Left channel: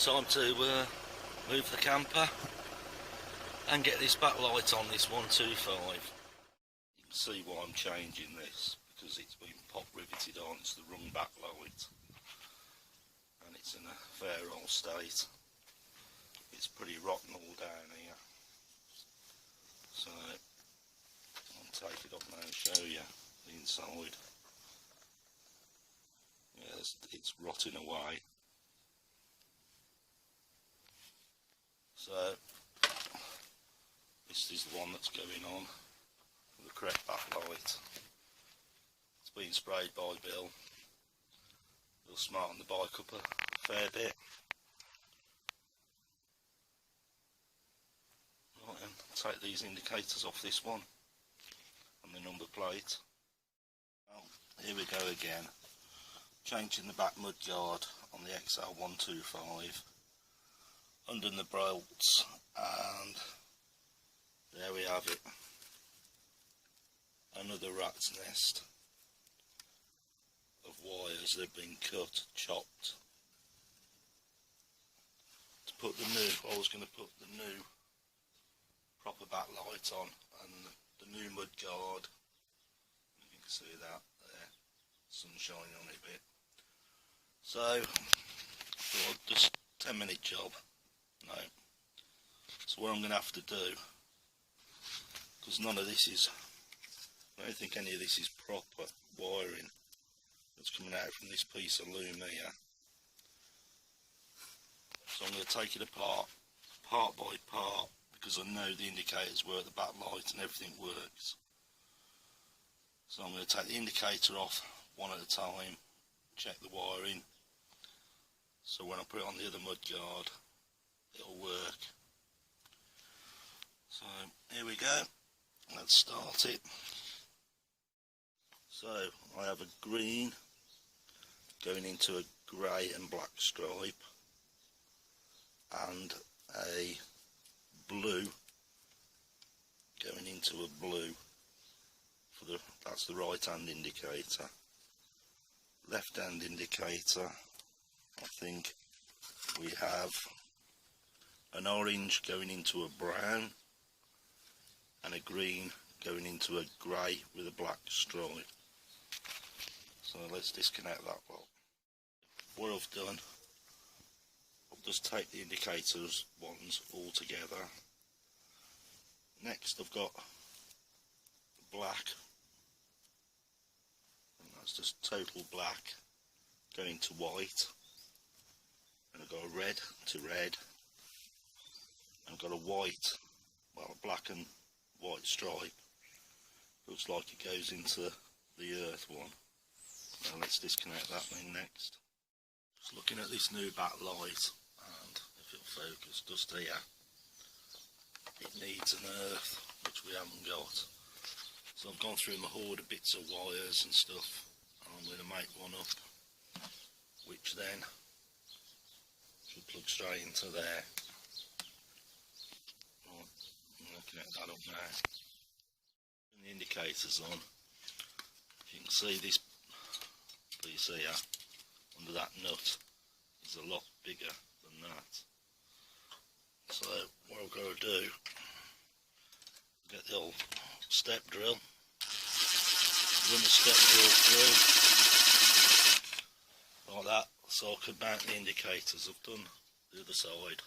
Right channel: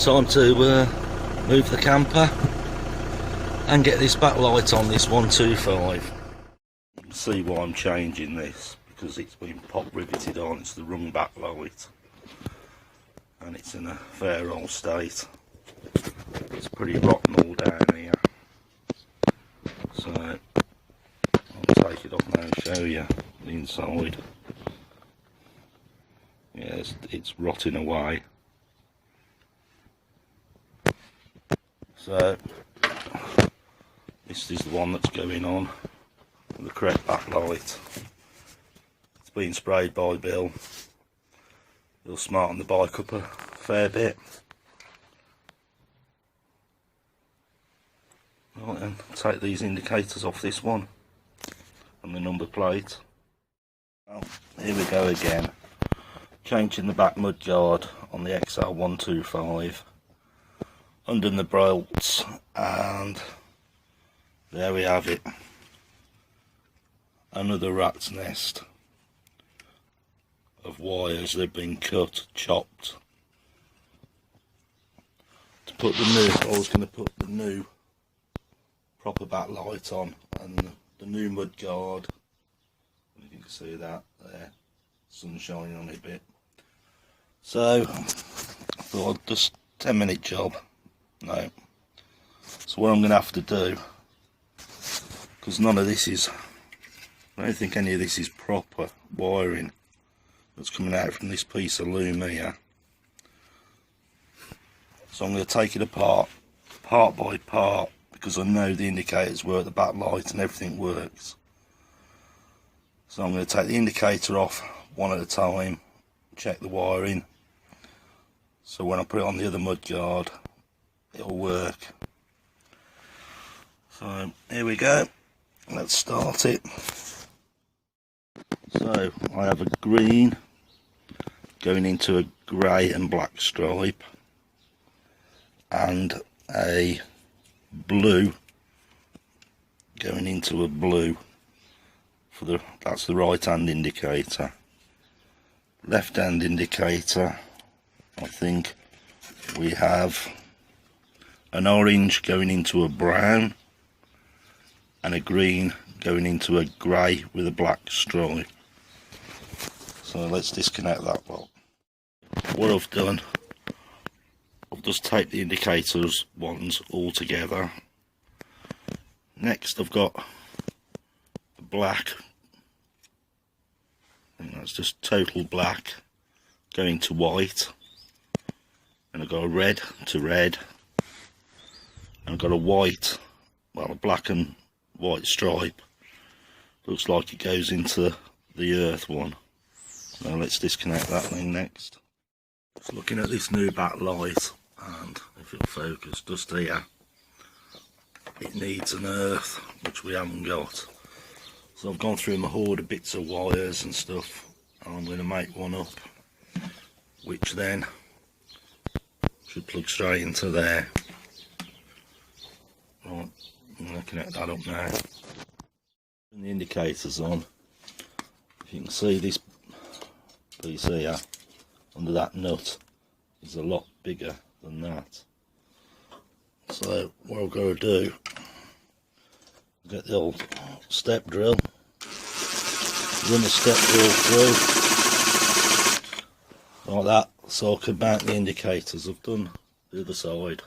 Time to move the camper and get this backlight on this 125. You can see why I'm changing this, because it's been pop riveted on. It's the wrong backlight and it's in a fair old state. It's pretty rotten all down here, so I'll take it off now and show you the inside. Yeah, it's rotting away. So this is the one that's going on with the correct backlight. It's been sprayed by Bill. He'll smarten the bike up a fair bit. Right then, take these indicators off this one and the number plate. Well, here we go again. Changing the back mudguard on the XL125. Undone the bolts, and there we have it. Another rat's nest of wires that have been cut, chopped. To put the new, I was going to put the new proper backlight on, and the new mudguard. You can see that there, sun shining on it a bit. So I thought just 10-minute job. No. So what I'm going to have to do, because none of this is, I don't think any of this is proper wiring that's coming out from this piece of loom here. So I'm going to take it apart, part by part, because I know the indicators work, the backlight and everything works. So I'm going to take the indicator off one at a time, check the wiring, so when I put it on the other mudguard it'll work. So here we go, let's start it. So I have a green going into a grey and black stripe, and a blue going into a blue for the, that's the right hand indicator. Left hand indicator, I think we have an orange going into a brown and a green going into a grey with a black stripe. So let's disconnect that lot. What I've done, I've just taped the indicators ones all together. Next I've got the black, and that's just total black going to white, and I've got a red to red, and I've got a white, well, a black and white stripe. Looks like it goes into the earth one. Now let's disconnect that thing next. Just looking at this new backlight, and if it'll focus, just here, it needs an earth, which we haven't got. So I've gone through my hoard of bits of wires and stuff, and I'm going to make one up, which then should plug straight into there. Right, I'm going to connect that up now. Turn the indicators on. If you can see, this piece here under that nut is a lot bigger than that. So what I've got to do, get the old step drill, run the step drill through like that, so I can mount the indicators. I've done the other side,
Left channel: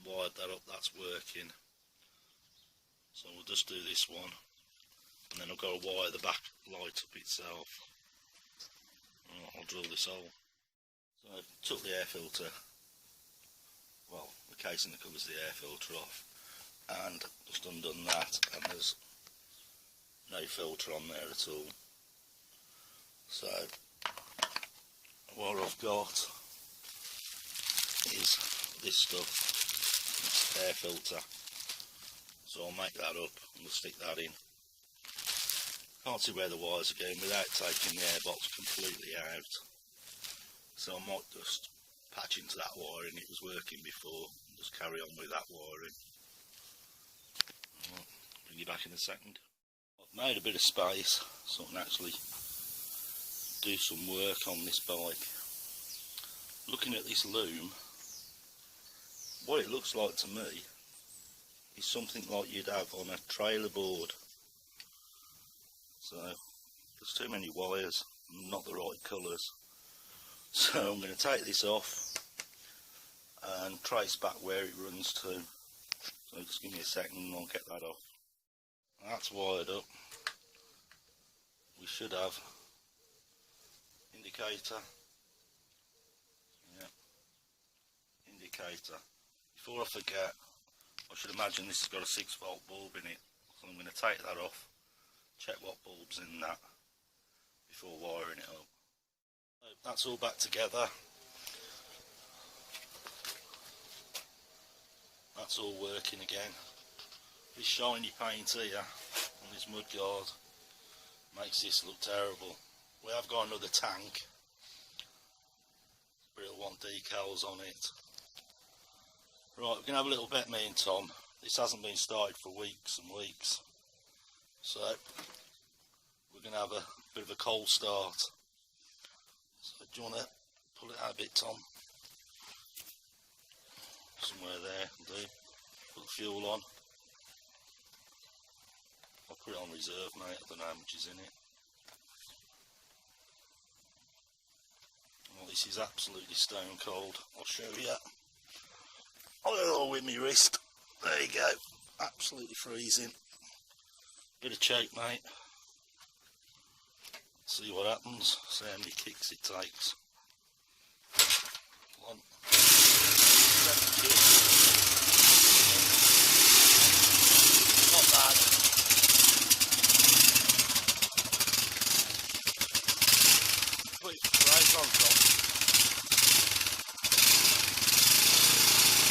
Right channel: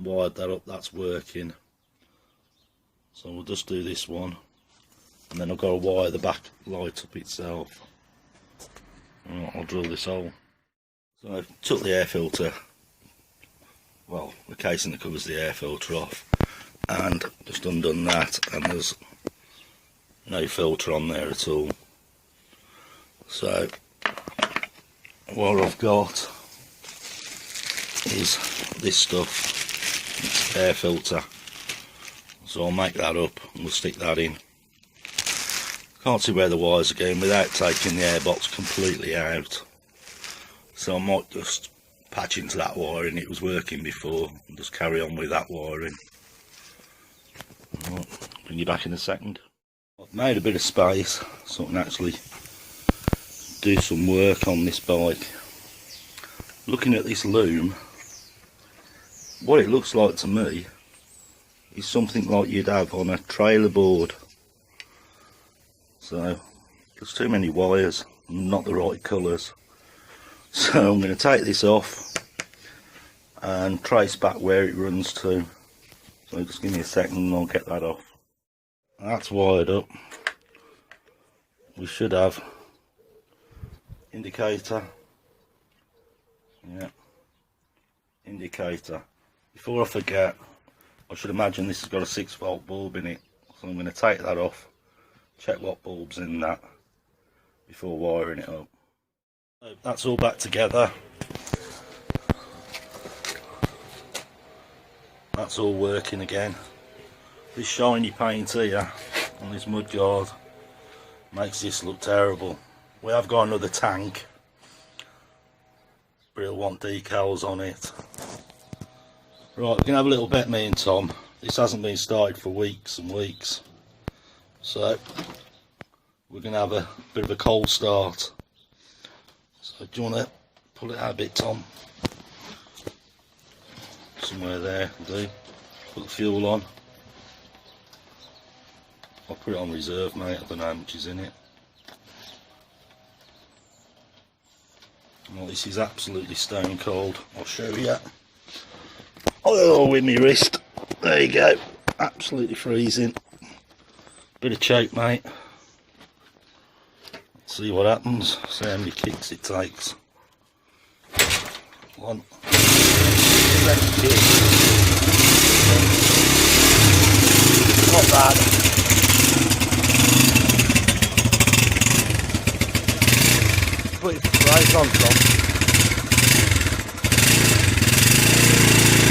wired that up, that's working. So we'll just do this one, and then I've got to wire the back light up itself. Right, I'll drill this hole. So I've took the air filter, well, the casing that covers the air filter off, and just undone that, and there's no filter on there at all. So what I've got is this stuff, it's air filter. So I'll make that up and we'll stick that in. Can't see where the wires are going without taking the airbox completely out. So I might just patch into that wiring, it was working before, and just carry on with that wiring. Right, bring you back in a second. I've made a bit of space so I can actually do some work on this bike. Looking at this loom, what it looks like to me is something like you'd have on a trailer board. So there's too many wires, not the right colours. So I'm going to take this off and trace back where it runs to. So just give me a second and I'll get that off. That's wired up. We should have indicator. Yeah, indicator. Before I forget, I should imagine this has got a 6-volt bulb in it. So I'm going to take that off, check what bulb's in that before wiring it up. So that's all back together. That's all working again. This shiny paint here on this mudguard makes this look terrible. We have got another tank, but it'll want decals on it. Right, we're going to have a little bet, me and Tom. This hasn't been started for weeks and weeks. So we're going to have a bit of a cold start. So do you want to pull it out a bit, Tom? Somewhere there will do. Put the fuel on. I'll put it on reserve, mate. I don't know how much is in it. Well, this is absolutely stone cold. I'll show you. Oh, with my wrist. There you go. Absolutely freezing. Bit of choke, mate. Let's see what happens. See how many kicks it takes. 1. 2 kicks. Not bad. Put it right on top.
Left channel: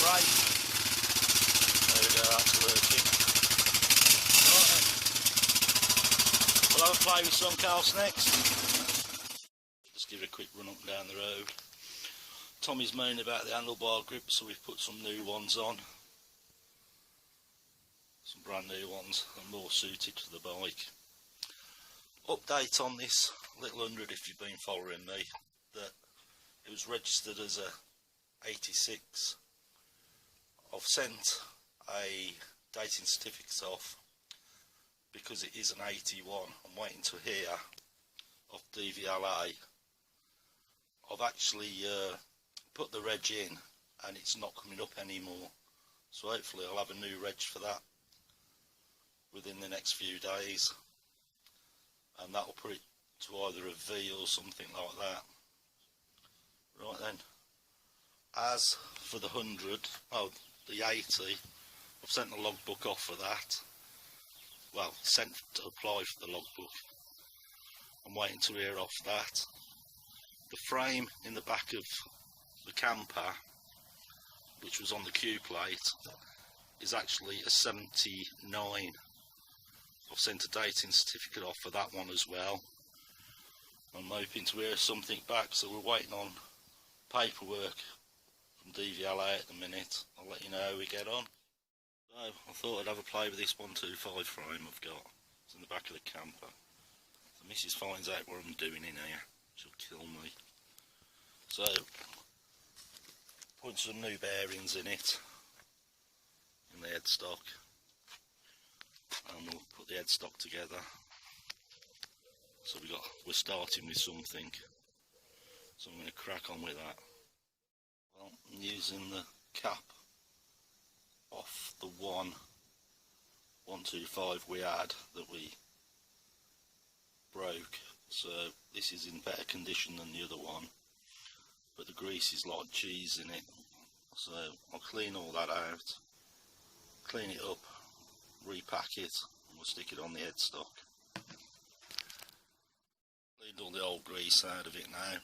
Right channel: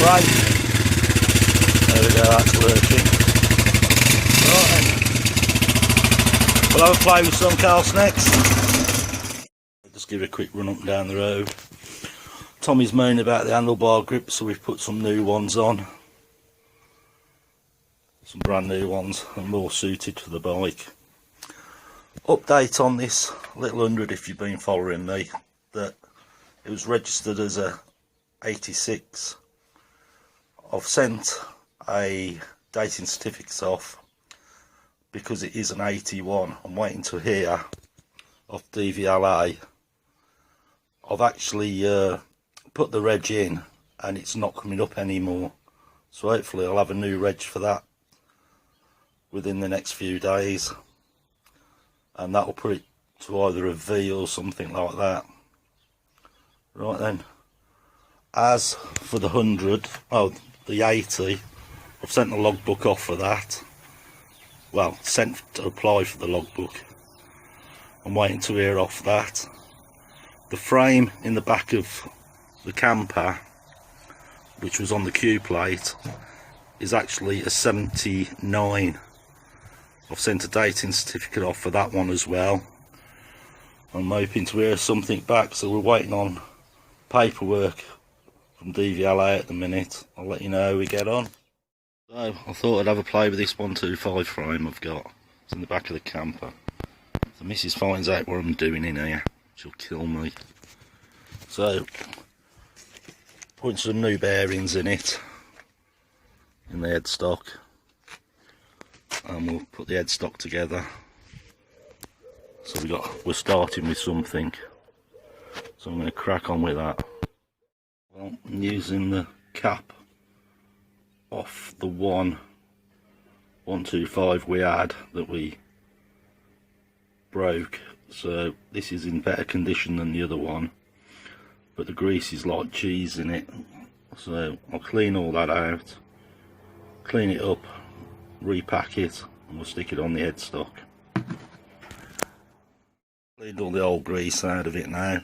Right. There we go, that's working. Right then. We'll have a play with some cars next. Just give it a quick run up and down the road. Tommy's moaning about the handlebar grip, so we've put some new ones on. Some brand new ones and more suited to the bike. Update on this little 100 if you've been following me, that it was registered as a 86. I've sent a dating certificate off because it is an 81. I'm waiting to hear off DVLA. I've actually put the reg in and it's not coming up anymore, so hopefully I'll have a new reg for that within the next few days, and that'll put it to either a V or something like that. Right then, as for the 100, the 80, I've sent the logbook off for that. Well, sent to apply for the logbook. I'm waiting to hear off that. The frame in the back of the camper, which was on the Q plate, is actually a 79. I've sent a dating certificate off for that one as well. I'm hoping to hear something back, so we're waiting on paperwork from DVLA at the minute. I'll let you know how we get on. So I thought I'd have a play with this 125 frame I've got. It's in the back of the camper. So Mrs finds out what I'm doing in here, she'll kill me. So putting some new bearings in it, in the headstock, and we'll put the headstock together. So we're starting with something, so I'm going to crack on with that. Well, I'm using the cap off the 125 we had that we broke, so this is in better condition than the other one, but the grease is like cheese in it. So I'll clean all that out, clean it up, repack it, and we'll stick it on the headstock. Cleaned all the old grease out of it now.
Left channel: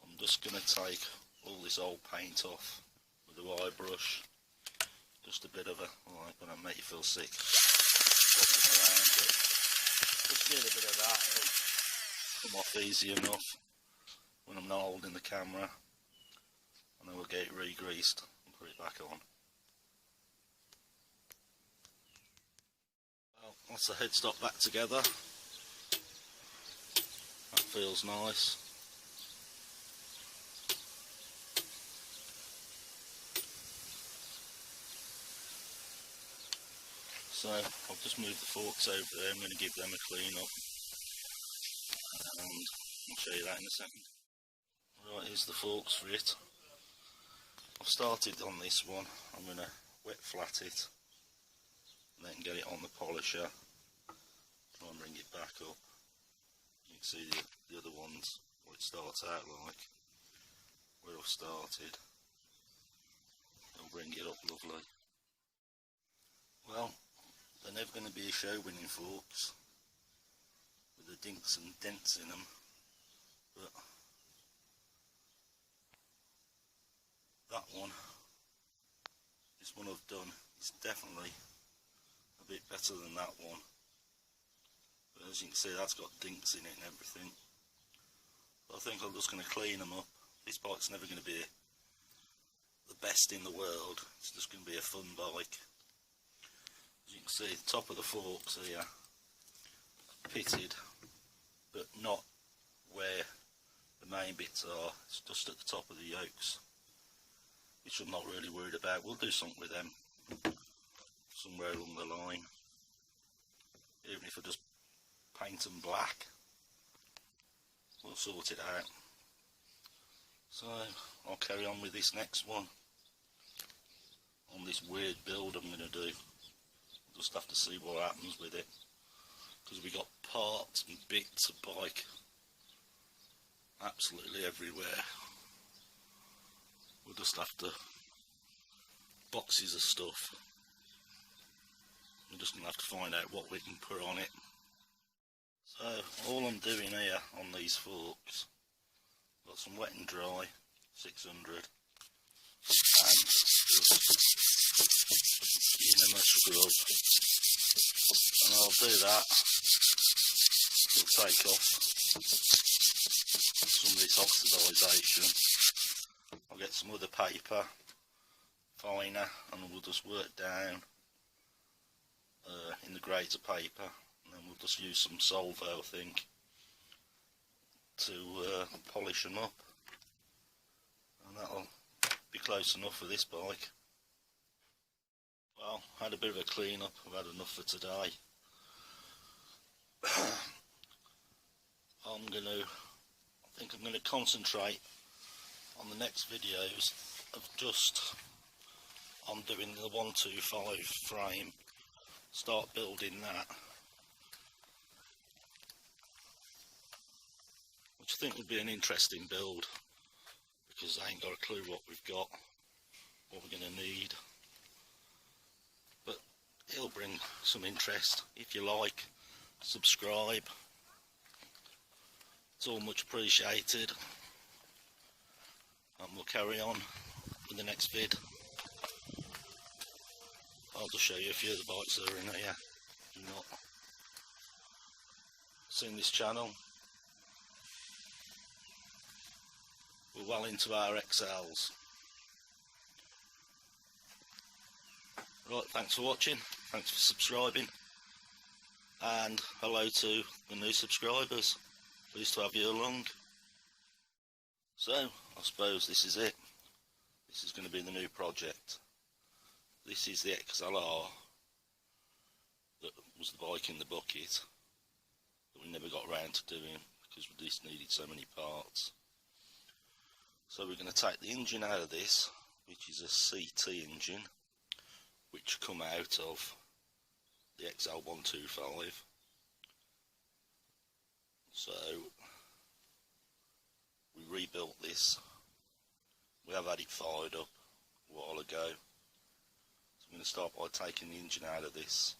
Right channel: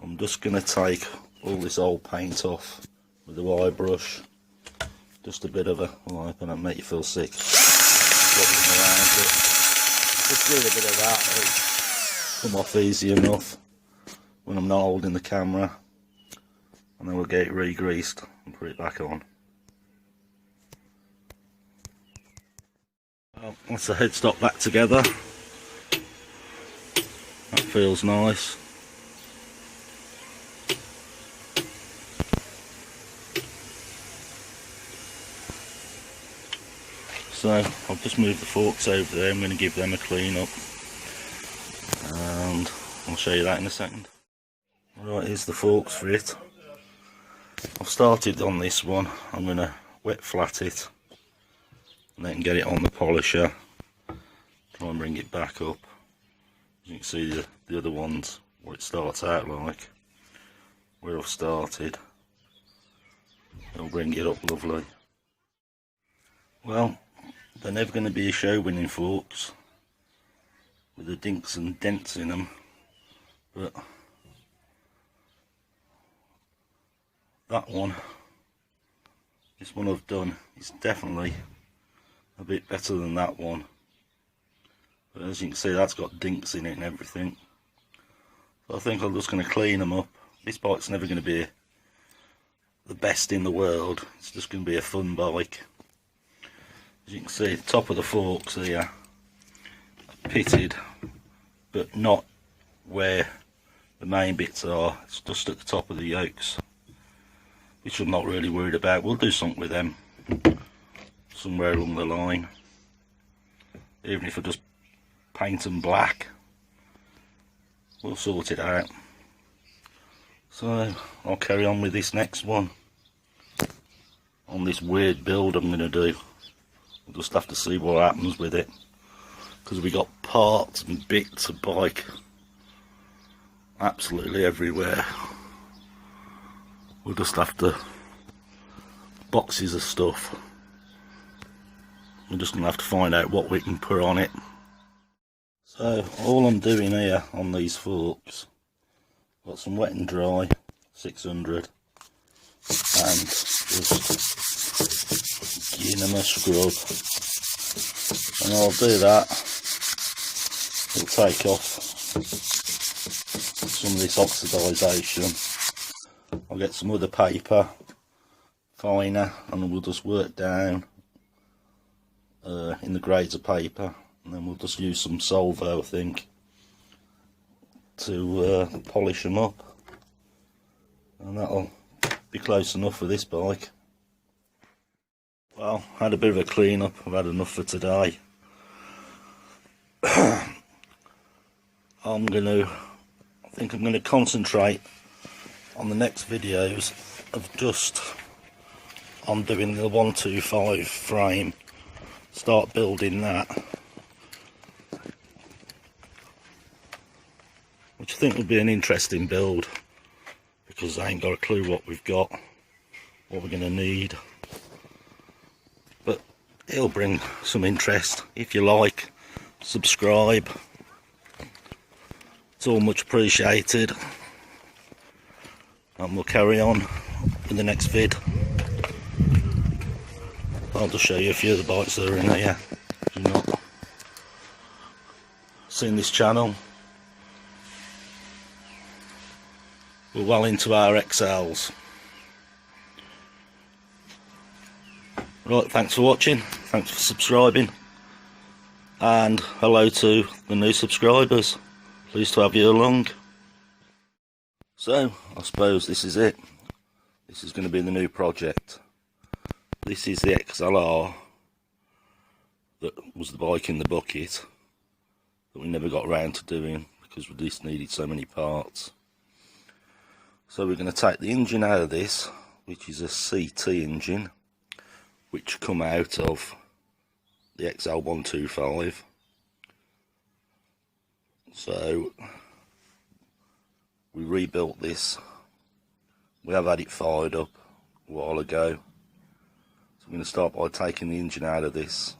I'm just going to take all this old paint off with a wire brush. Just a bit of a, oh, I hope I don't make you feel sick, wobbling around it. Just do a bit of that, it'll come off easy enough when I'm not holding the camera, and then we'll get it re-greased and put it back on. Well, that's the headstock back together. That feels nice. So I've just moved the forks over there. I'm going to give them a clean up, and I'll show you that in a second. Right, here's the forks for it. I've started on this one. I'm going to wet flat it and then get it on the polisher, try and bring it back up. As you can see the other ones, what it starts out like, where I've started, it'll bring it up lovely. Well, they're never going to be a show winning forks with the dinks and dents in them, but that one, this one I've done, is definitely a bit better than that one. But as you can see, that's got dinks in it and everything. So I think I'm just going to clean them up. This bike's never going to be the best in the world. It's just going to be a fun bike. As you can see, the top of the forks here are pitted, but not where the main bits are. It's just at the top of the yokes, which I'm not really worried about. We'll do something with them somewhere along the line, even if I just paint them black. We'll sort it out. So I'll carry on with this next one, on this weird build I'm going to do. We'll just have to see what happens with it, because we got parts and bits of bike absolutely everywhere. We'll just have to, boxes of stuff. We're just going to have to find out what we can put on it. So all I'm doing here on these forks, got some wet and dry 600 and just giving them a scrub, and I'll do that. It'll take off some of this oxidisation. I'll get some other paper, finer, and we'll just work down in the grades of paper, and then we'll just use some Solvo, I think, to polish them up, and that'll be close enough for this bike. Well, had a bit of a clean up. I've had enough for today. I think I'm gonna concentrate on the next videos of just on doing the 125 frame, start building that, which I think will be an interesting build, because I ain't got a clue what we've got, what we're gonna need. But it'll bring some interest. If you like, subscribe. It's all much appreciated. And we'll carry on with the next vid. I'll just show you a few of the bikes that are in here. If you've not seen this channel, we're well into our XLs. Right, thanks for watching, thanks for subscribing, and hello to the new subscribers. Pleased to have you along. So, I suppose this is it. This is going to be the new project. This is the XLR that was the bike in the bucket that we never got around to doing because we just needed so many parts. So we're going to take the engine out of this, which is a CT engine, which come out of the xl125. So we rebuilt this. We have had it fired up a while ago. So I'm going to start by taking the engine out of this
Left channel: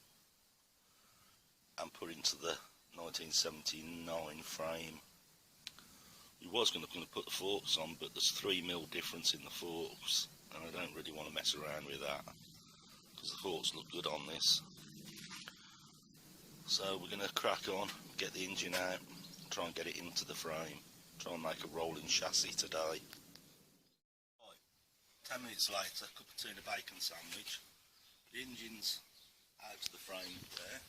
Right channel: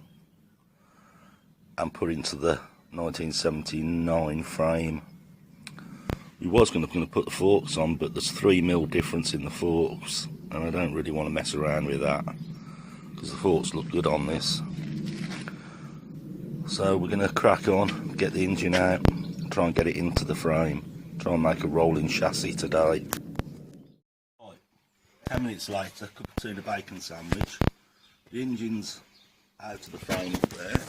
and put into the 1979 frame. We was going to put the forks on, but there's 3mm difference in the forks, and I don't really want to mess around with that because the forks look good on this. So we're going to crack on, get the engine out, try and get it into the frame, try and make a rolling chassis today. Right, 10 minutes later, cup of tuna bacon sandwich. The engine's out of the frame up there.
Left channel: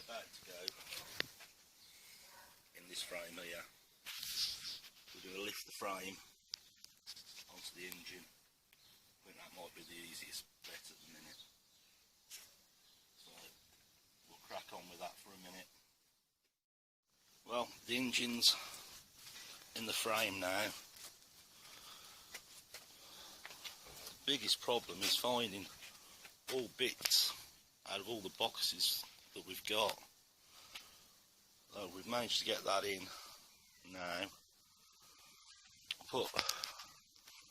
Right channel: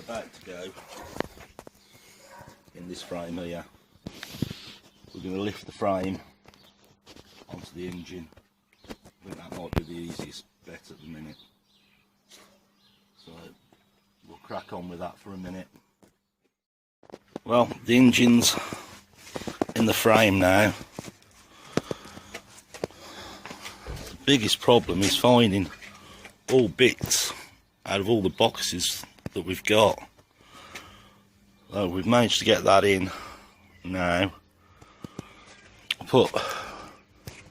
About to go in this frame here. We're going to lift the frame onto the engine. I think that might be the easiest bet at the minute. crack on with that for a minute. Well, the engine's in the frame now. The biggest problem is finding all bits out of all the boxes that we've got. So we've managed to get that in now. I put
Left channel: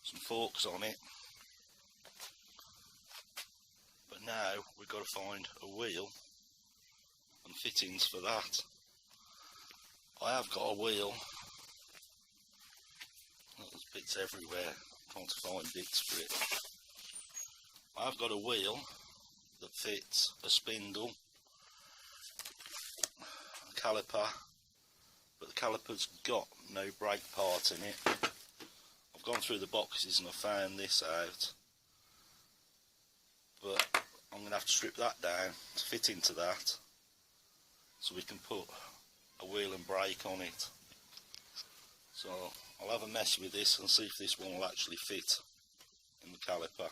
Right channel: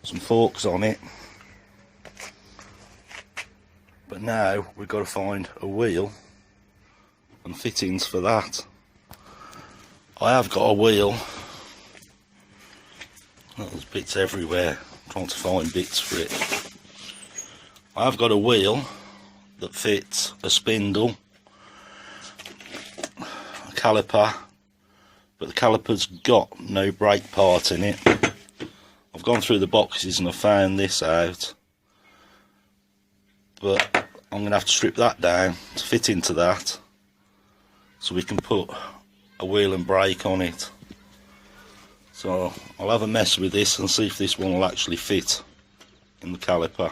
some forks on it, but now we've got to find a wheel and fittings for that. I have got a wheel. Oh, there's bits everywhere, trying to find bits for it. I have got a wheel that fits a spindle, a caliper, but the caliper's got no brake part in it. I've gone through the boxes and I found this out, but I'm going to have to strip that down to fit into that so we can put a wheel and brake on it. So I'll have a mess with this and see if this one will actually fit in the caliper.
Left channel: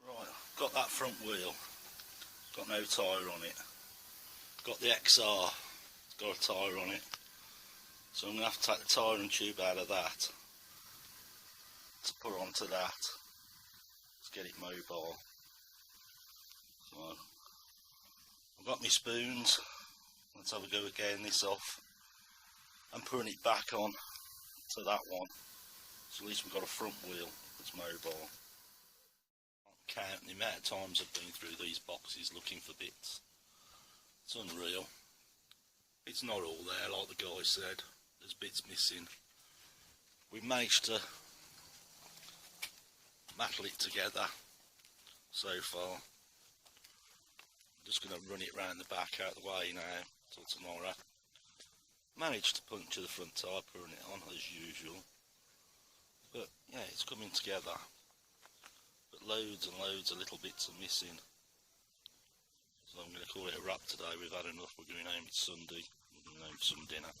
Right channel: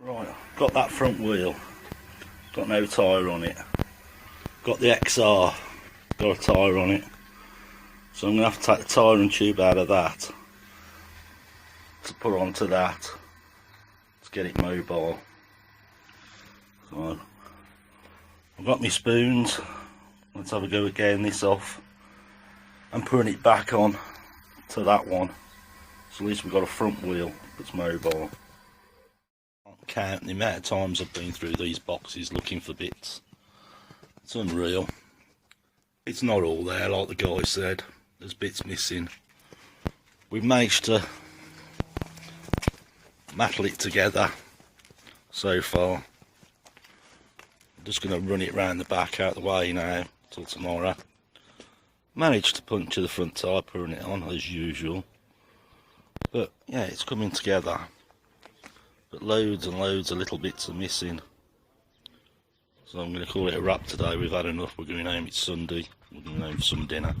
Right, got that front wheel, got no tyre on it. Got the XR, got a tyre on it. So I'm going to have to take the tyre and tube out of that to put onto that to get it mobile. So I've got my spoons. Let's have a go at getting this off and putting it back on to that one. So at least we've got a front wheel that's mobile. I can't count the amount of times I've been through these boxes looking for bits. It's unreal. It's not all there, like the guy said. There's bits missing. We've managed to mattle it together so far. I'm just going to run it round the back out of the way now till tomorrow. Managed to puncture the front tyre, putting it on as usual. But yeah, it's coming together. But loads and loads of little bits are missing. So I'm going to call it a wrap today. We've had enough. We're going home. It's Sunday. We're going home for some dinner.